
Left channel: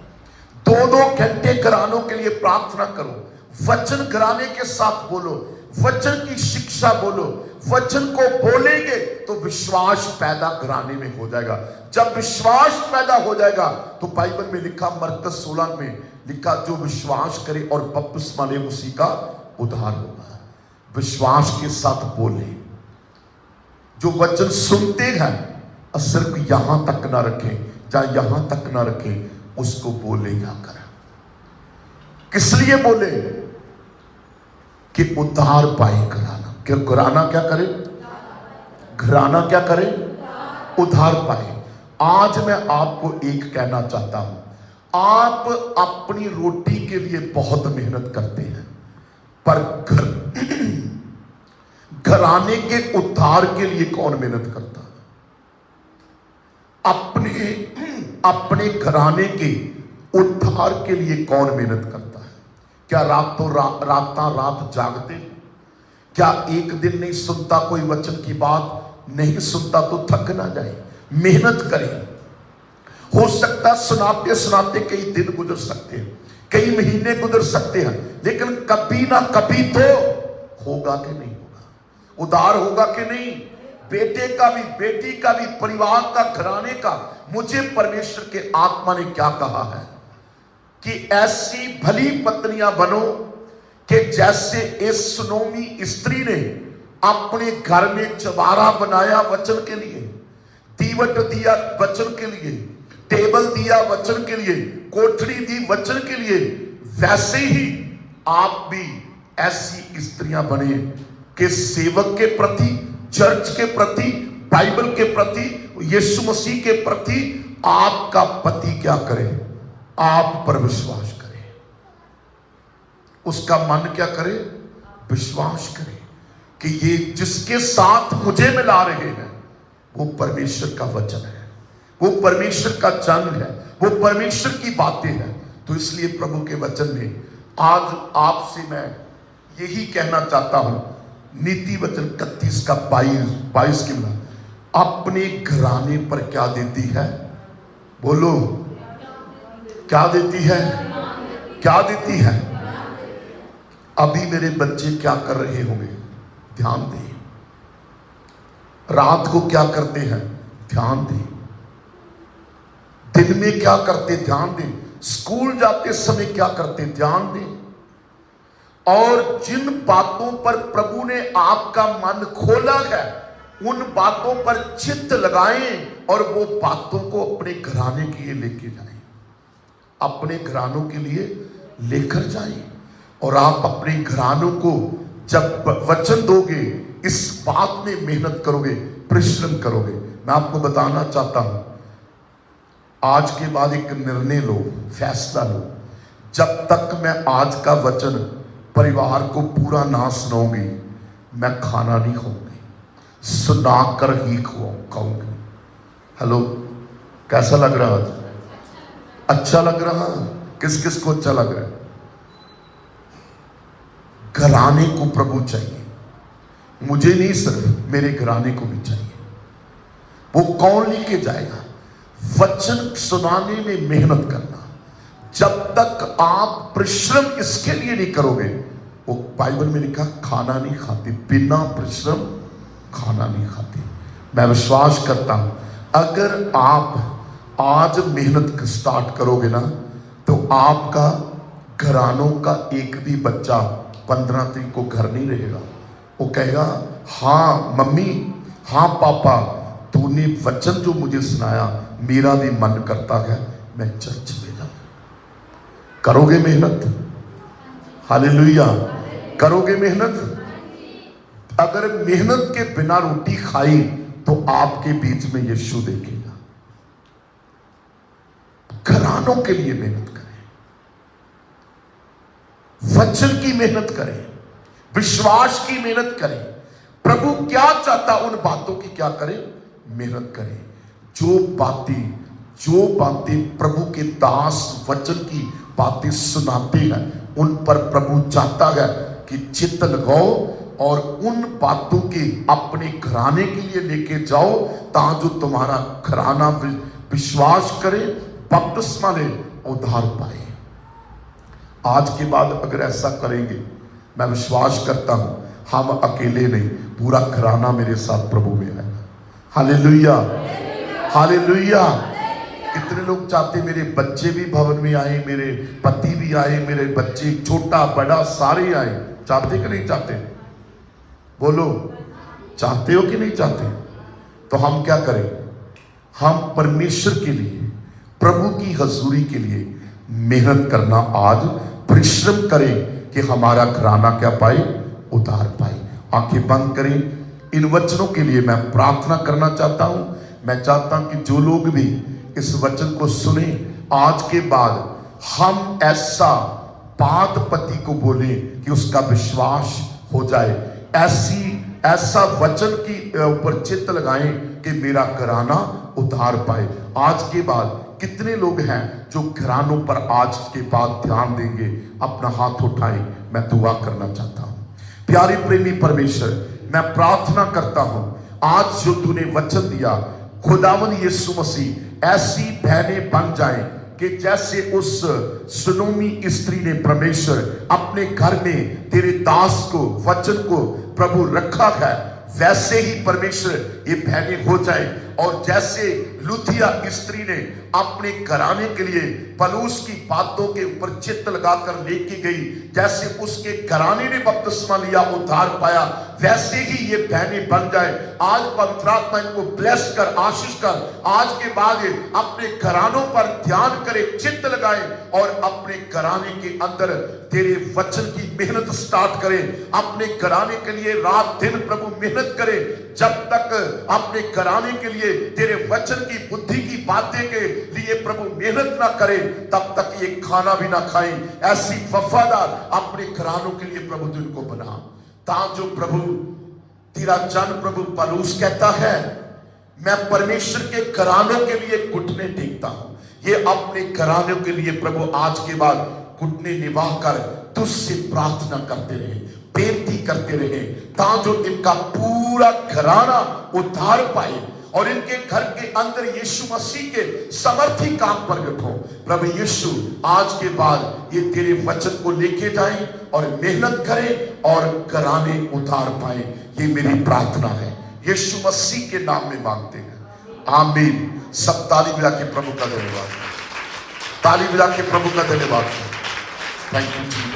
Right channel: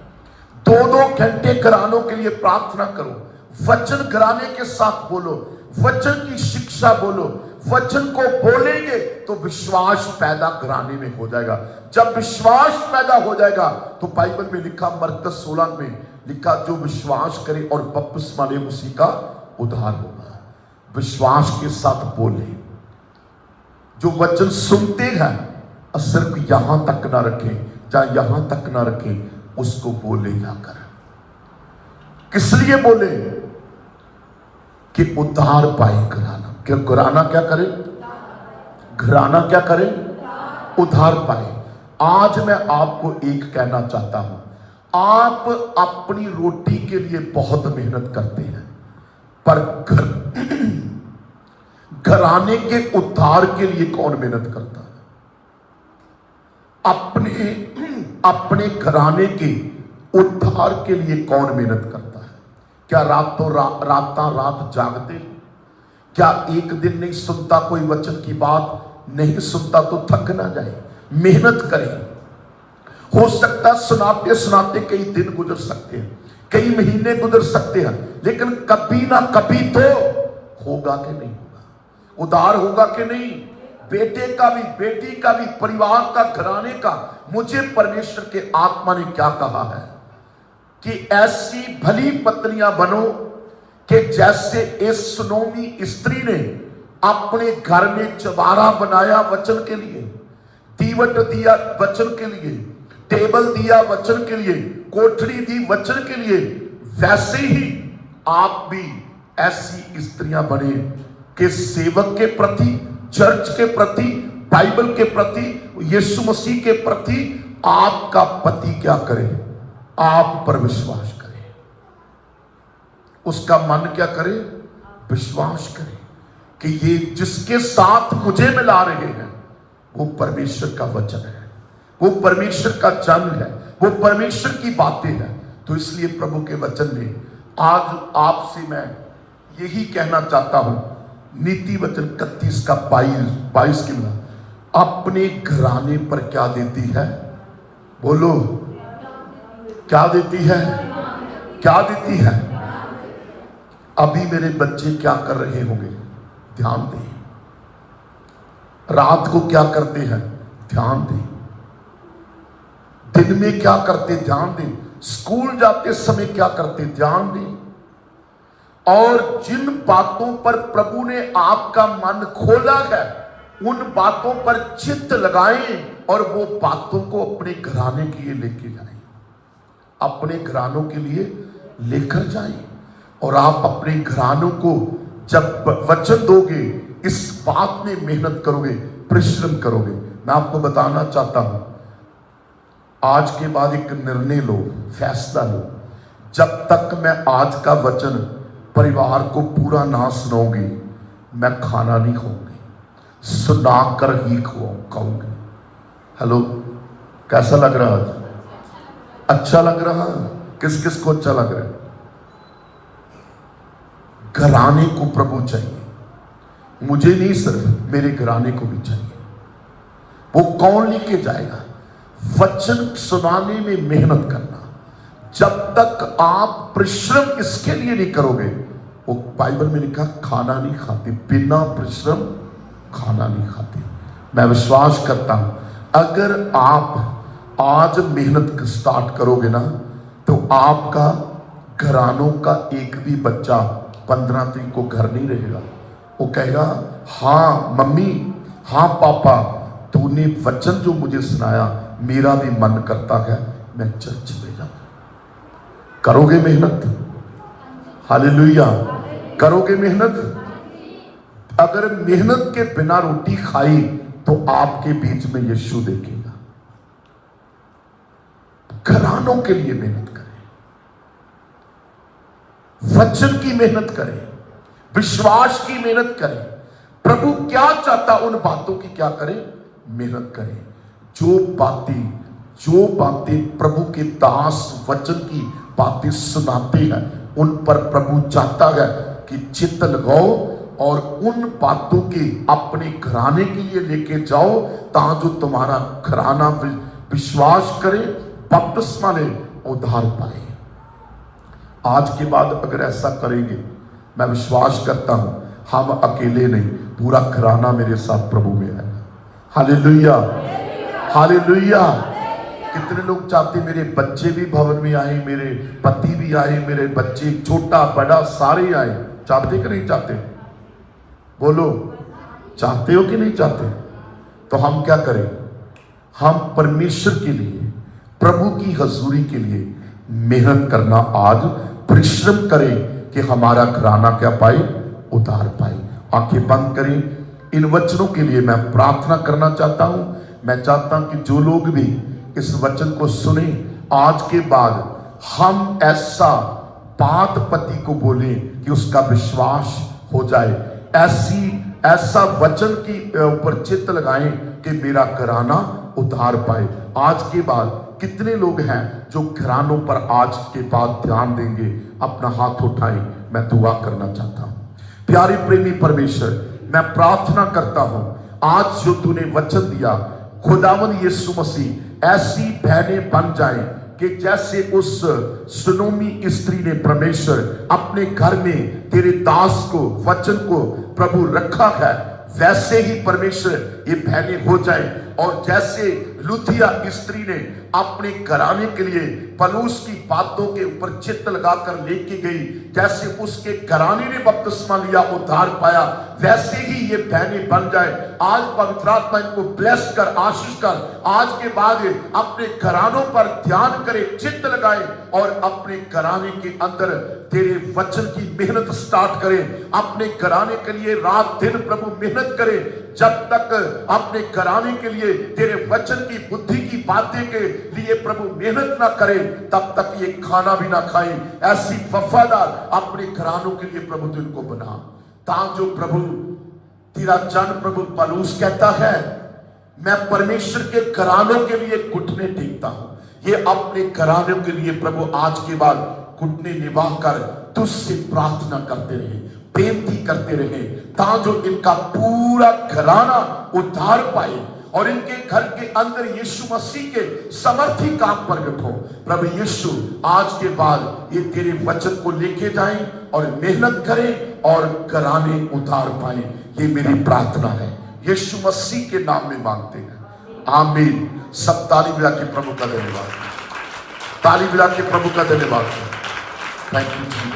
2-2 घंटे घरानों के लिए प्रार्थना करो, वचन घराने के साथ बोलो, वचन की शिक्षा बोलो। वचन को बोलेंगे तो विश्वास पैदा घराने में हो जाएगा। जब विश्वास पैदा हो जाएगा तो बाइबल में लिखा, मरकस 16 में लिखा, जो विश्वास करे और बपतिस्मा ले उसी का उद्धार होगा। विश्वास के साथ बोले। जो वचन सुनते हैं सिर्फ यहां तक ना रखें, चाहे यहां तक ना रखें, उसको बोले जाकर। किस लिए बोले? कि उद्धार पाए घराना। क्या घराना क्या करे? घराना क्या करे? उद्धार पाए। आज मैं आपको एक कहना चाहता हूं, आप अपनी रोटी के लिए बहुत मेहनत करते हैं, पर घराने के उद्धार के लिए कौन मेहनत करता है? अपने घराने के उद्धार के लिए कौन मेहनत करता है? क्या रातों रात जागते? क्या एक दिन नहीं सुनता कोई वचन की बात? नहीं सुनता तो थक ना जाए, मेहनत करें। हो सकता सुनाते सुनाते कई दिन गुजर सकते हैं, कई महीने गुजर सकते हैं, लेकिन कभी ना कभी तो होगा कि नहीं होगा? उद्धार होगा कि नहीं? बेटे का भी, बेटी का भी, परिवार का, घराने का। मुझे परमेश्वर के आत्मा ने क्या कहा है कि ऐसी भली पत्नियां बनो कि जैसे इस सुनोमी स्त्री ने अपने घर में चबारा बनाया वचन के लिए, दीवट दिया वचन के लिए, टेबल दिया वचन के लिए, कोठरी दी वचन के लिए, वैसे ही आप भी ऐसी स्त्रियां बने कि सेवक के प्रति, चर्च के प्रति, बाइबल के प्रति, यीशु मसीह के प्रति आपका पति क्या करे? आप पर विश्वास करे, उसका मन क्या करे? विश्वास करे कि ये जिसके साथ मुझे मिला रहे हैं वो परमेश्वर का वचन है, वो परमेश्वर का जन है, वो परमेश्वर की बातें हैं। तो इसलिए प्रभु के वचन ने आज आपसे मैं यही कहना चाहता हूं, नीति वचन 31 का 22 की में अपने घराने पर क्या देती है? बोलो, क्या देती है? क्या देती है? अभी मेरे बच्चे क्या कर रहे होंगे? ध्यान दें। रात को क्या करते हैं? ध्यान दें। दिन में क्या करते ध्यान दें, स्कूल जाते समय क्या करते ध्यान दें, और जिन बातों पर प्रभु ने आपका मन खोला है उन बातों पर चित्त लगाएं और वो बातों को अपने घराने के लिए लेके जाएं, अपने घरानों के लिए लेकर जाएं। और आप अपने घरानों को जब वचन दोगे, इस बात में मेहनत करोगे, परिश्रम करोगे। मैं आपको बताना चाहता हूं, आज के बाद एक निर्णय लो, फैसला लो, जब तक मैं आज का वचन परिवार को पूरा ना सुनाऊंगी, मैं खाना नहीं खाऊंगी, सुनाकर ही खाऊंगी। हेलो, कैसा लग रहा है? अच्छा लग रहा है? किस किस को अच्छा लग रहा है? घराने को प्रभु चाहिए, मुझे नहीं, सिर्फ मेरे घराने को भी चाहिए। वो कौन लेके जाएगा? वचन सुनाने में मेहनत करना। जब तक आप परिश्रम इसके लिए नहीं करोगे, वो बाइबल में लिखा खाना नहीं खाते, बिना परिश्रम खाना नहीं खाते। मैं विश्वास करता हूं अगर आप आज मेहनत स्टार्ट करोगे ना, तो आपका घरानों का एक भी बच्चा 15 दिन को घर नहीं रहेगा। वो कहेगा हाँ मम्मी, हाँ पापा, तूने वचन जो मुझे सुनाया, मेरा भी मन करता है मैं चर्च में जाऊं। करोगे मेहनत? हालेलुया, करोगे मेहनत? अगर मेहनत के बिना रोटी खाई तो आपके बीच में यीशु देखेगा। घरानों के लिए मेहनत करें, वचन की मेहनत करें, विश्वास की मेहनत करें। प्रभु क्या चाहता उन बातों की क्या करें? मेहनत करें। जो बातें प्रभु के दास वचन की बातें सुनाते हैं, उन पर प्रभु चाहता है कि चित्त लगाओ और उन बातों के अपने घराने के लिए लेके जाओ, ताकि जो तुम्हारा घराना विश्वास करे, बपतिस्मा ले, उद्धार पाए। आज के बाद अगर ऐसा करेंगे, मैं विश्वास करता हूं हम अकेले नहीं, पूरा घराना मेरे साथ प्रभु में है। Hallelujah, hallelujah. कितने लोग चाहते मेरे बच्चे भी भवन में आए, मेरे पति भी आए, मेरे बच्चे छोटा बड़ा सारे आए? चाहते कि नहीं चाहते? बोलो, चाहते हो कि नहीं चाहते? तो हम क्या करें? हम परमेश्वर के लिए, प्रभु की हजूरी के लिए मेहनत करना, आज परिश्रम करें कि हमारा घराना क्या पाए? उतार पाए। आंखें बंद करें। इन वचनों के लिए मैं प्रार्थना करना चाहता हूं। मैं चाहता हूं कि जो लोग भी इस वचन को सुने, आज के बाद हम ऐसा बात पति को बोले कि उसका विश्वास हो जाए, ऐसा वचन की ऊपर चित्त लगाएं कि मेरा घराना उद्धार पाए। आज के बाद कितने लोग हैं जो घरानों पर आज के बाद ध्यान देंगे? अपना हाथ उठाएं, मैं दुआ करना चाहता हूं। प्यारे प्रेमी परमेश्वर, मैं प्रार्थना करता हूं, आज जो तूने वचन दिया, खुदावंद यीशु मसीह ऐसी बहनें बन जाएं कि जैसे उस सुनोमी स्त्री ने परमेश्वर अपने घर में तेरे दास को, वचन को प्रभु रखा है, वैसे ही परमेश्वर ये बहनें हो जाए। और जैसे लुथिया स्त्री ने अपने घराने के लिए पलूस की बातों के ऊपर चित्त लगाकर लेके गई, जैसे उसके घराने ने बपतिस्मा लिया, उद्धार पाया, वैसे ही ये बहनें बन जाए। आज पवित्र आत्मा इनको ब्लेस कर, आशीष कर, आज के बाद अपने घरानों पर ध्यान करे, चित्त लगाए और अपने घराने के अंदर तेरे वचन की मेहनत स्टार्ट करें। अपने घराने के लिए रात दिन प्रभु मेहनत करें। जब तक अपने घराने के लिए तेरे वचन की, बुद्धि की बातें के लिए प्रभु मेहनत ना करें, तब तक ये खाना भी ना खाएं। ऐसी वफादार अपने घरानों के लिए प्रभु जिनको बना, ताकि जो प्रभु तेरा जन प्रभु पलूस कहता है, मैं परमेश्वर के घराने के लिए घुटने टेकता हूं। ये अपने घराने के लिए प्रभु आज के बाद घुटने निवाह कर तुझसे प्रार्थना करते रहे, बेनती करते रहे, ताकि जो इनका पूरा घराना उद्धार पाए और इनके घर के अंदर यीशु मसीह के समर्थी काम प्रकट हो। प्रभु यीशु, आज के बाद ये तेरे वचन को लेके जाएं और मेहनत करें और घराने उद्धार पाए। ये मेरी प्रार्थना है, यीशु मसीह के नाम में मांगते हैं, आमीन। सब ताली बजा के प्रभु का धन्यवाद, ताली बजा के प्रभु का धन्यवाद। Thank you.